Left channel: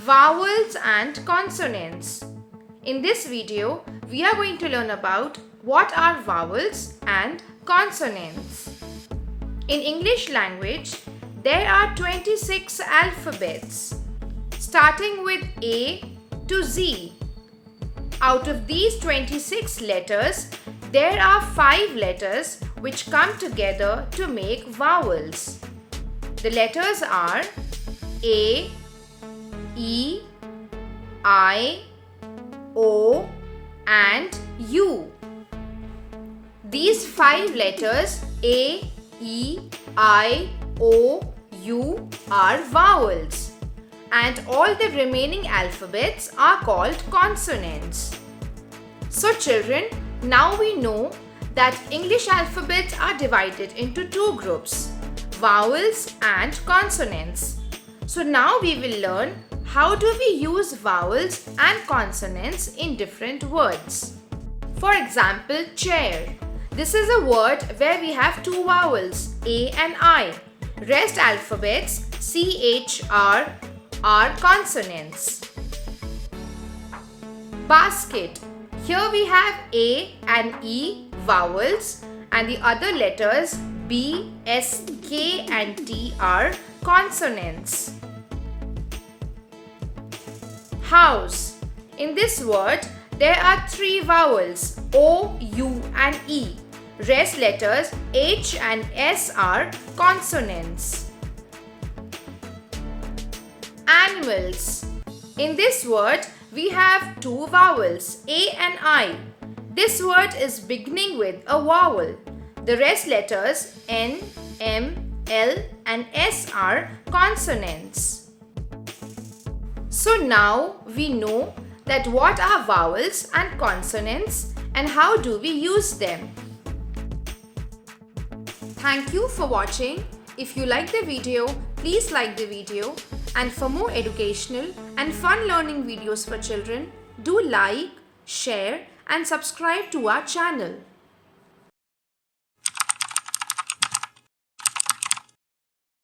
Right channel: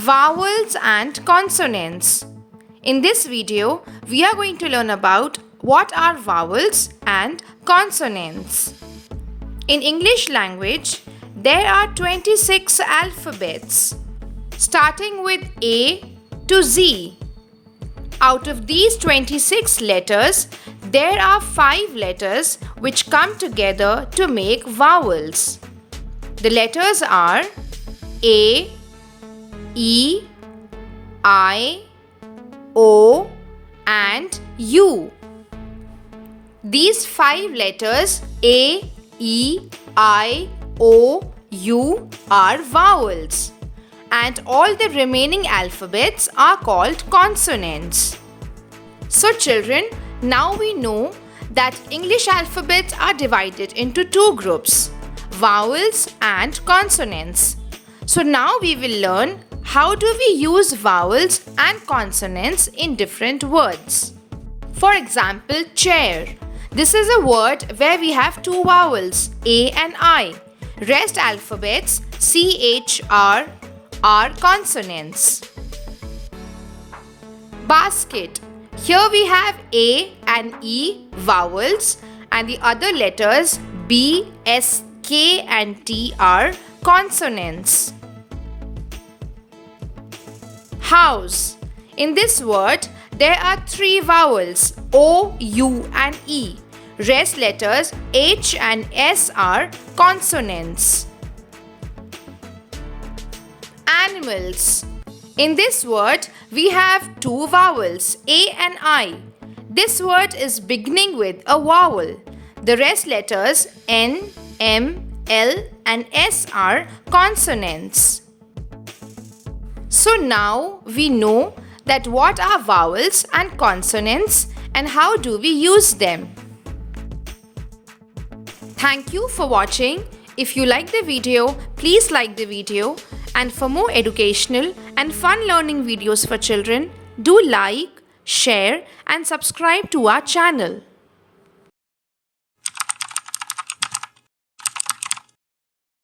Vowels and consonants. In this video, we are going to learn about what are vowels and consonants. In English language, there are 26 alphabets, starting with A to Z. Out of these 26 letters, there are 5 letters which come together to make vowels. The letters are A, E, I, O and U. These 5 letters A, E, I, O, U are vowels, and all the remaining alphabets are called consonants. So children, now we know that English alphabets are divided into 2 groups, vowels and consonants. So now we will learn how do we use vowels and consonants in different words. For example, chair. This is a word where we have 2 vowels, A and I. Rest alphabets, C, H, R, are consonants. Basket. Here we have A and E vowels and the other letters B, S, K and T are consonants. House. In this word, there are 3 vowels O, U and E. Rest letters H and S are consonants. Animals. In this word, we have 2 vowels A and I. This word is beginning with a vowel. The rest letters N, M, L and S are consonants. So now we know that what are vowels and consonants and how do we use them. Thank you for watching. If you like the video, please like the video, and for more educational and fun learning videos for children, do like, share and subscribe to our channel.